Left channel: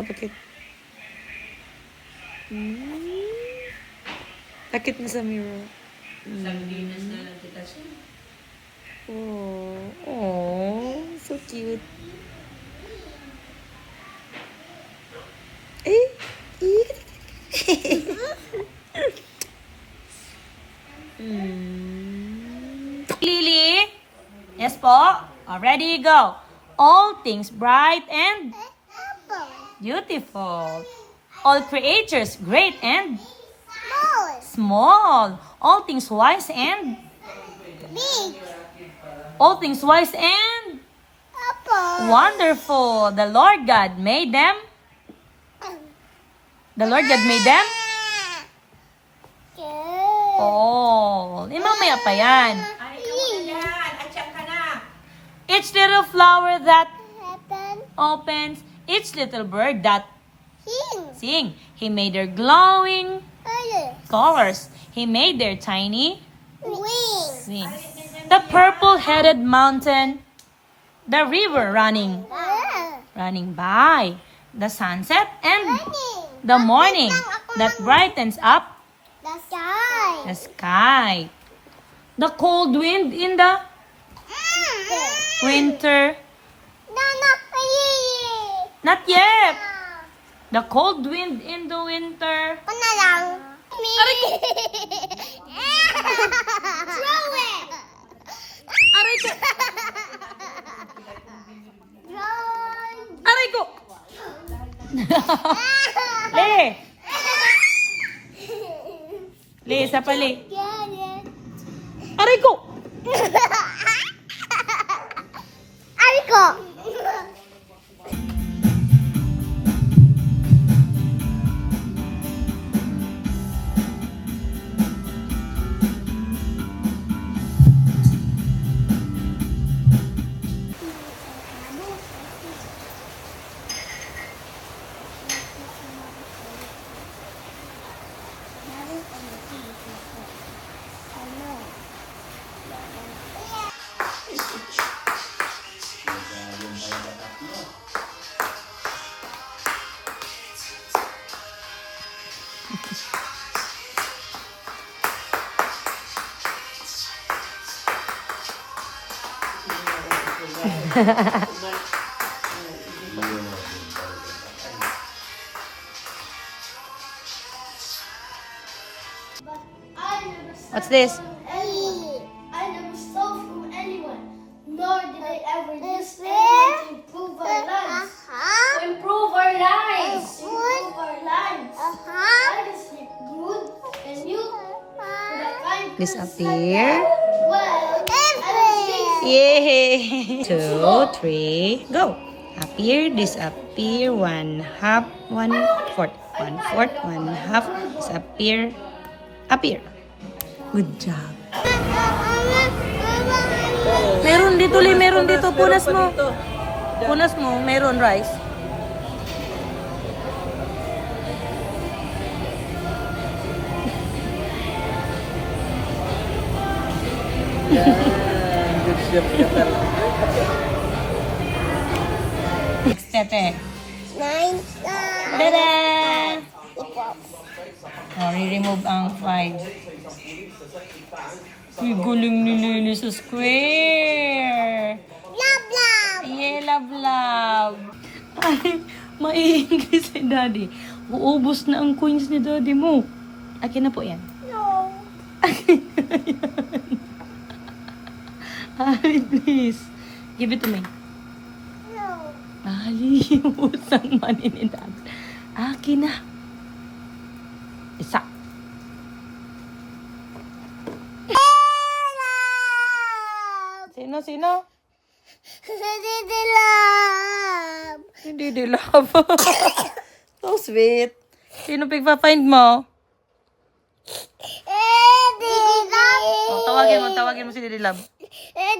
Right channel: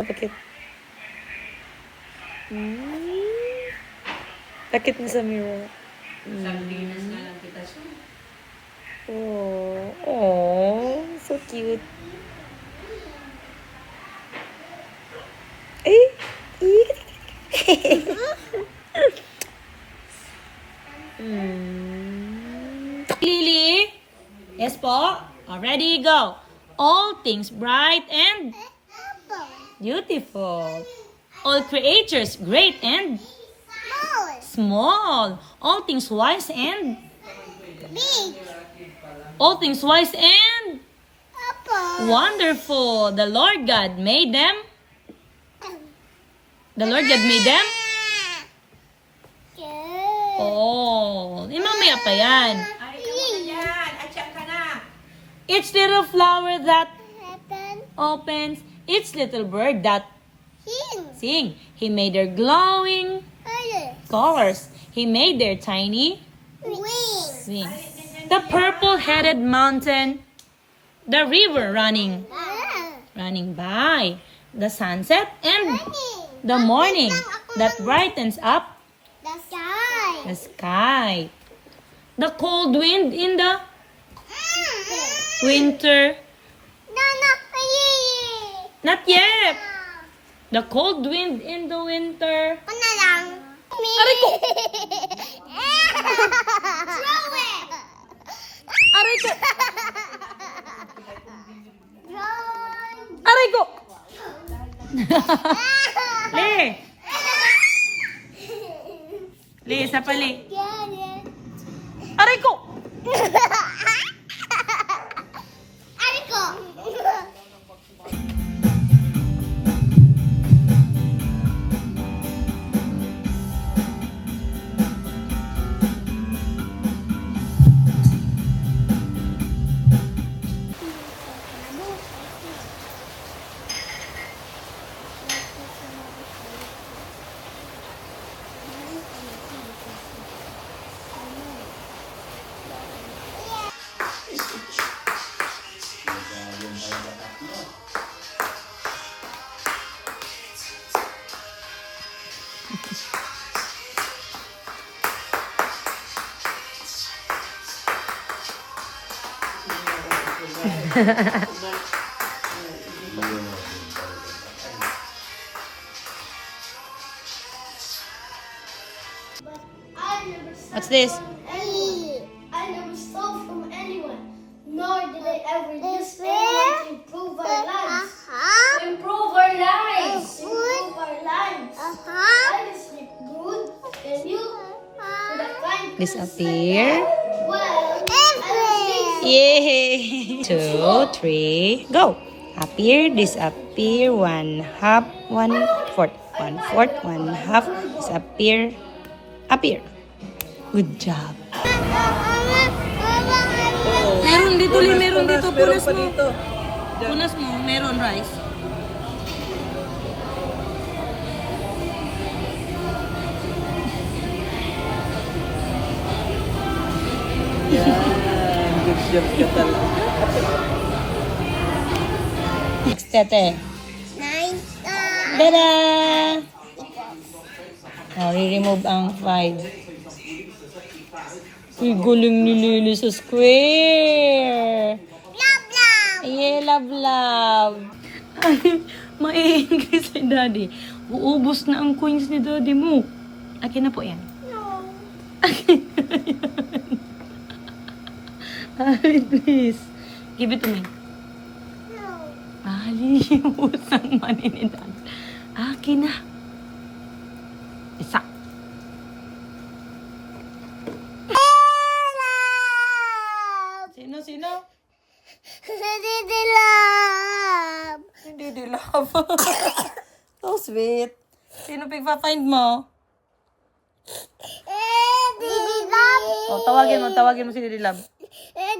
Pakit. Pakit mo sa mirror. Sardinas na lang kita siya. Oh, so cute. Eh, Lily? Yes po? Already go. All things bright and beautiful. All creatures great and small. All things wise and Big. all things wise and wonderful. The Lord God made them. The Lord God made them all. Mamaya pa yan. Each little flower that opens, each little bird that sing. He made their glowing colors. He made their tiny wings. The purple-headed mountain, the river running by, the sunset and the morning that brightens up the sky. The cold wind in the winter. Not yet. The cold wind in the winter. Aray ko! Aray ko! Aray ko! Le! Le, isa pa le. Aray ko! Ariko. What's this? I never stole from anyone, nor did I ever use anyone to improve our lives. Improve our lives. Improve our lives. I just sleep good, and you Disappear. well. Yay! 2, 3, go. Appear, disappear, 1/2, 1/4, 1/4, 1/2, disappear, appear. Good job. Meron dito, Lee. Meron dito. Punas mo. Punas mo. Meron rice. Next, tete. Nice. Tada! I-remove ang 5. Uy, galing ni Lily sa square. Love, love. Yeah, love. Ay, mai-English si Daddy. Uubos na ang coins ni Daddy mo. Akin na po yan. No. Ay, please. Give it to me. No. Ay, utang money ni Daddy. Akin na. Isa. Sino? Didi love. Hindi di love. So sweet. Sino pigpa-find mo? Didi love. Oh, tawagin mo si Didi Love.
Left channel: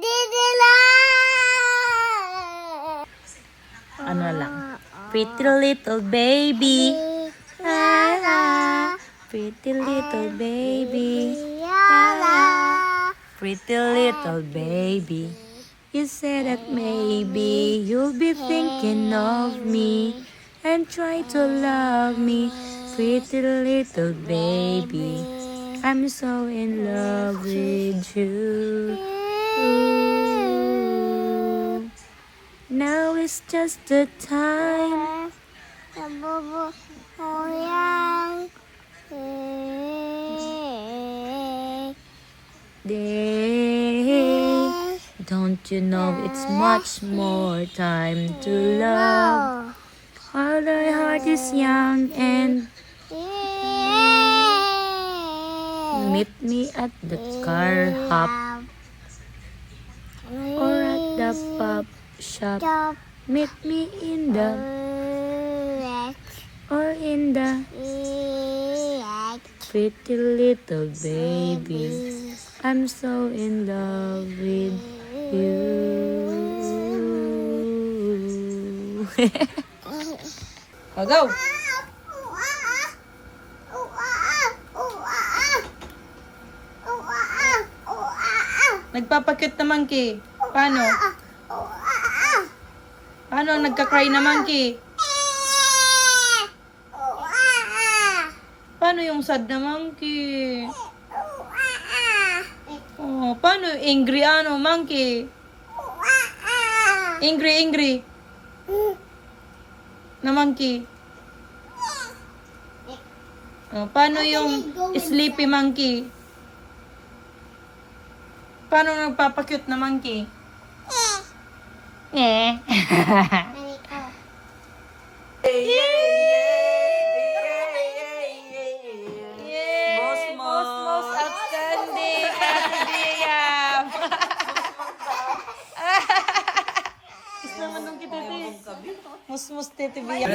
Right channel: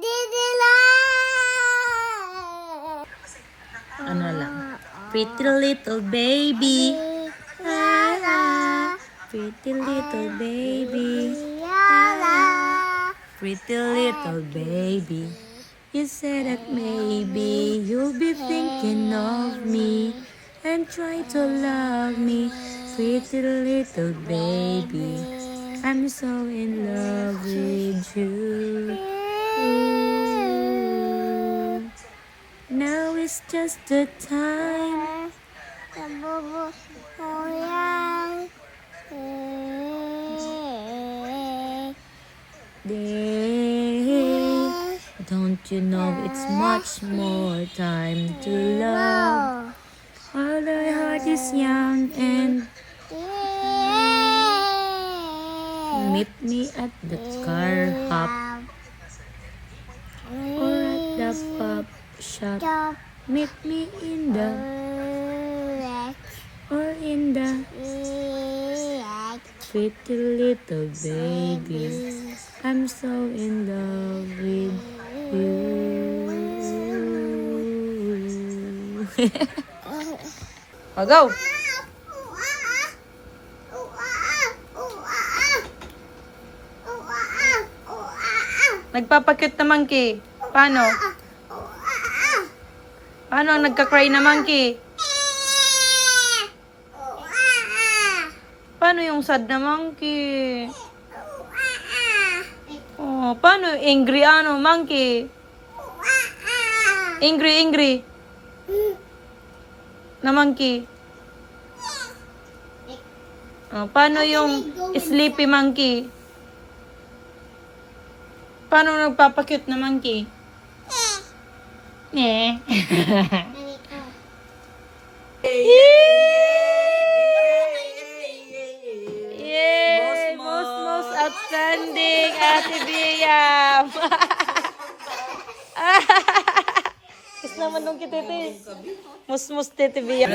Didi love. Ano lang? Pretty little baby. Pretty little baby. Pretty little baby. You said that maybe you'll be thinking of me. and try to love me, pretty little baby. I'm so in love with you. Ooh. Now it's just the time. Day. Don't you know it's much more time to love? While our heart is young and meet me at the car hop or at the pub shop. Meet me in the or in the pretty little baby. I'm so in love with you. Oh, go! Nagpapakit na monkey. Paano? Paano ang nagka-cry na monkey? Paano yung sad na monkey? Oh, paano angry monkey? Angry na monkey. Oh, paano yung sleepy monkey? Paano nagpapakute na monkey? Most outstanding, Ate Biam. Gusto naman nung kitete. Mus Tete Biam.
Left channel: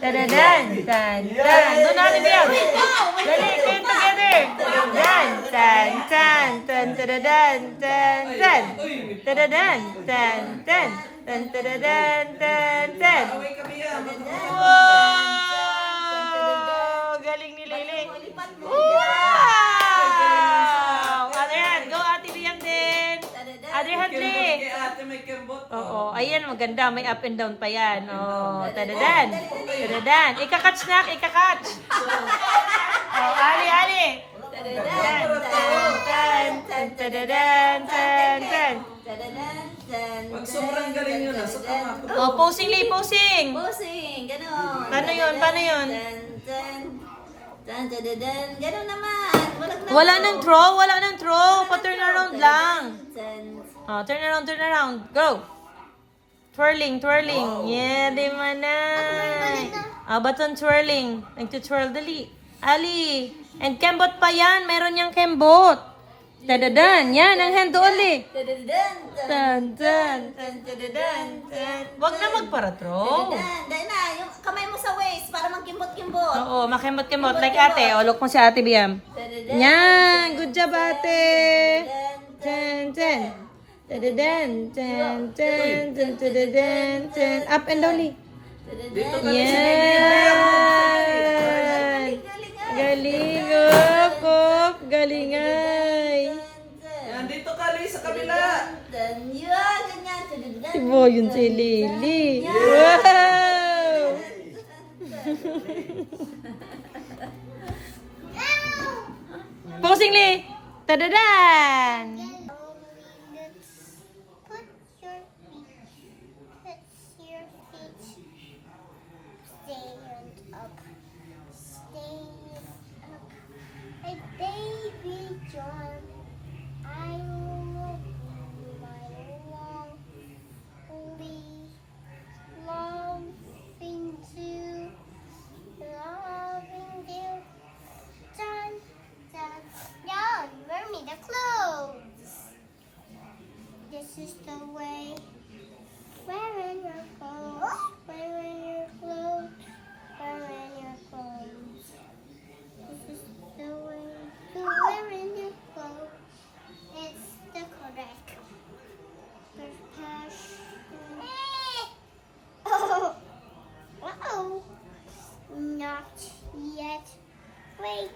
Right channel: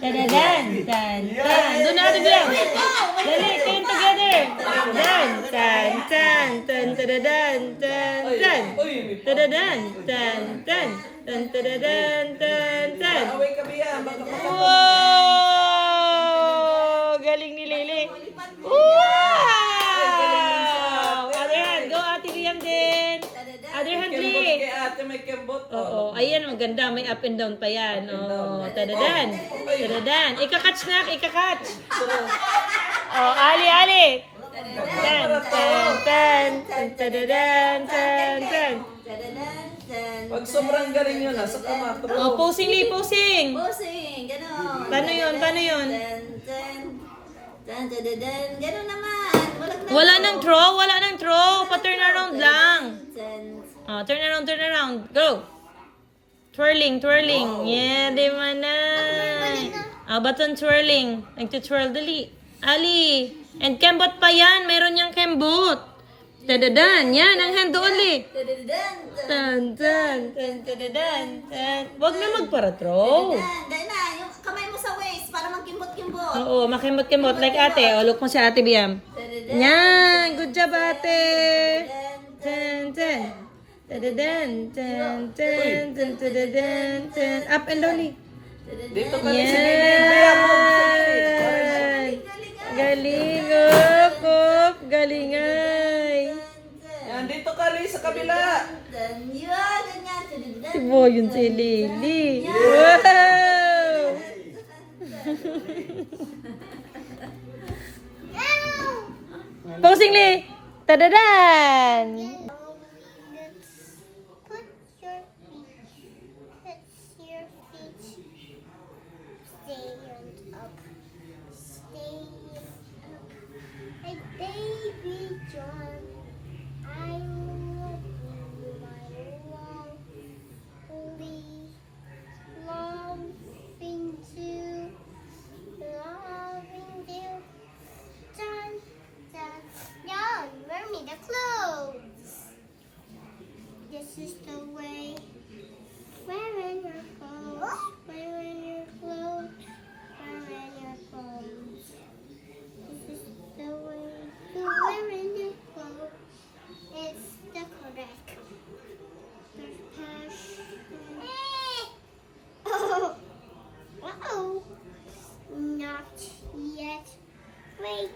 Tadadan, tan. Doon na, Ate Biam. Dali, ten together. Tan, tadadan, tan. Tadadan, tan. Wow! Galing ni Lili. Wow! Other hand. Go, Ate Biam din. Other hand, Li. Oo. Ayan, maganda. May up and down pa yan. Oh, tadadan. Ikakatch na. Ikakatch. Oh, Ali. Tan. Pag sobrang galing yun, nasa tama. Oh, posing, Li, posing. Ganon. Paano yun? Ganon naman. Wala nang throw. Pa-turn around lang. Oh, turn around. Go. Twirling. Yeah, di man na. Button twirling. Nagtutwirl dali. Ali. And kembot pa yan. Meron niyang kembot. Tadadan. Yan, ang hand doon, Li. Tan. Wag na magpara-throw. Dahil na, yung kamay mo sa waist para magkimbot-kimbot. Oo, makembot-kembot. Like ate. O, look mo si Ate Biam. Yan. Good job, ate. Tan. Tadadan. Up and down, Li. Dito ka Yan. Galing, galing ay. Yan, dito ka, Lee, sa kabila. Ganyan. Ibo yun si Lily. Wow! Posing, Lee! Tadadan! Put your feet stand up. Hey, baby John, I love you, my loving you. John, wear me the clothes. This is the way. Wearing your clothes. This is the way to wearing your clothes. It's the correct fashion. Oh, not yet. Wait,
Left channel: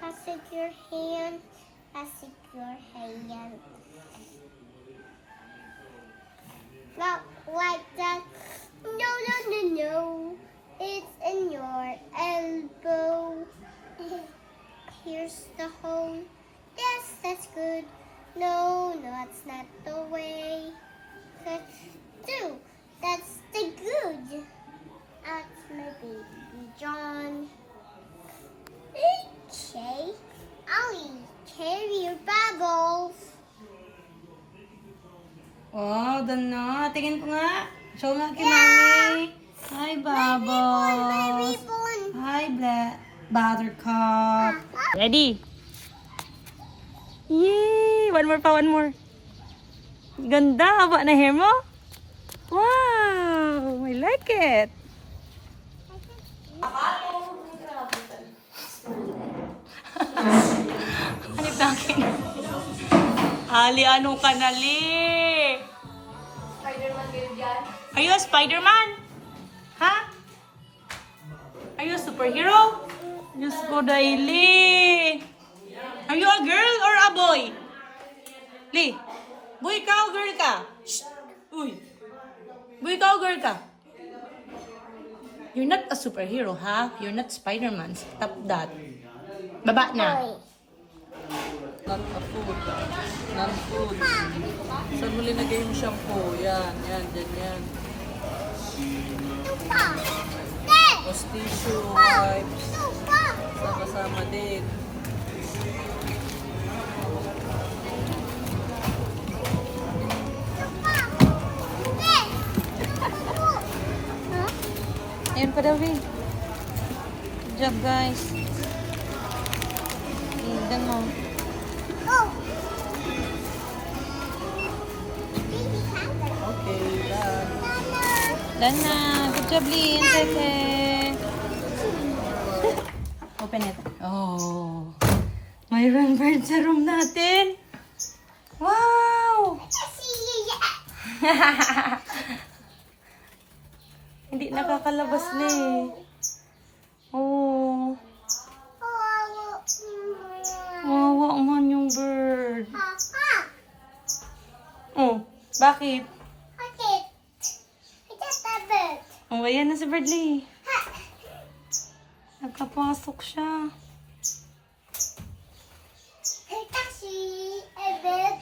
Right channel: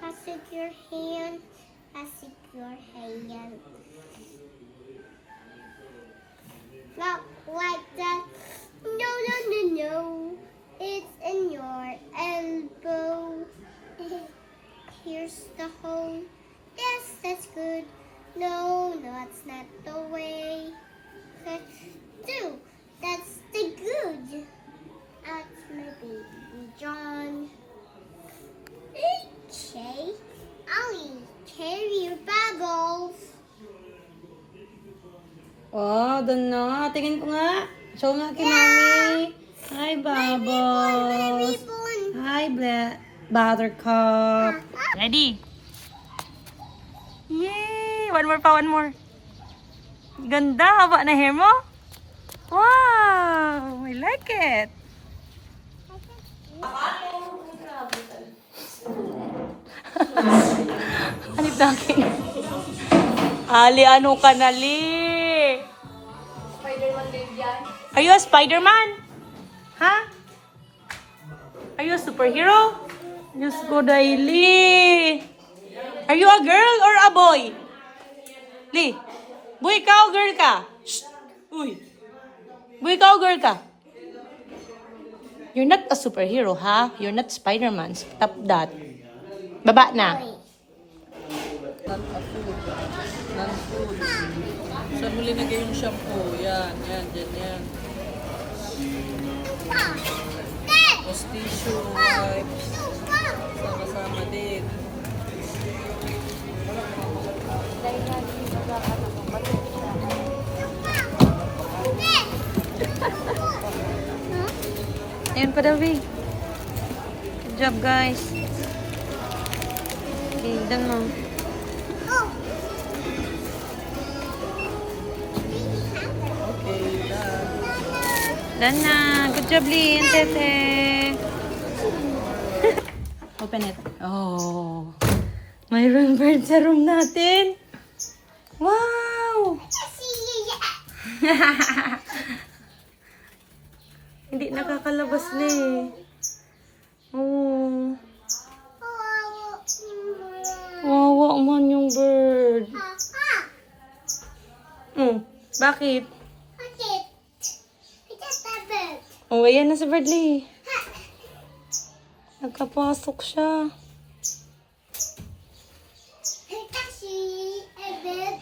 pass it your hand. Not like that. No, no, no, no. It's in your elbow. Here's the hole. Yes, that's good. No, no, that's not the way. Two, that's the good. That's my baby John. Okay, I'll carry your bubbles. Oh, doon na. Tingin ko nga. Show nga kay Mami. Hi, Bubbles. Baby bone. Hi, Buttercup. Ready? Yay! One more pa, one more. Ganda. Haba na hair mo. Wow! I like it. Hanip natin. Ali, ano ka na, Li? Spider-Man din yan. Are you a Spider-Man? Ha? Are you a superhero? Diyos ko, Daily. Are you a girl or a boy? Li, boy ka o girl ka? Shh. Uy. Boy ka o girl ka? You're not a superhero, ha? You're not Spider-Man. Stop that. Baba na. Non-food. Non-food. Saan mo linagay yung shampoo? Yan, yan, dyan, yan. Lupa. Dad. Tapos tissue, wipes. Lupa. Kasama din. Lupa. Dad. Huh? Yan pa daw, eh. Good job, guys. Okay, damo. Oh. Okay, done. Done na. Good job, Lynn. Tete. Open it. Oh. Mayroon bird sa room natin. Wow! Hindi nakakalabas na eh. Oh. Wawa man yung bird. Oh, bakit? Oh, ayan na si Birdley. Nagkapasok siya. Taxi, a bit.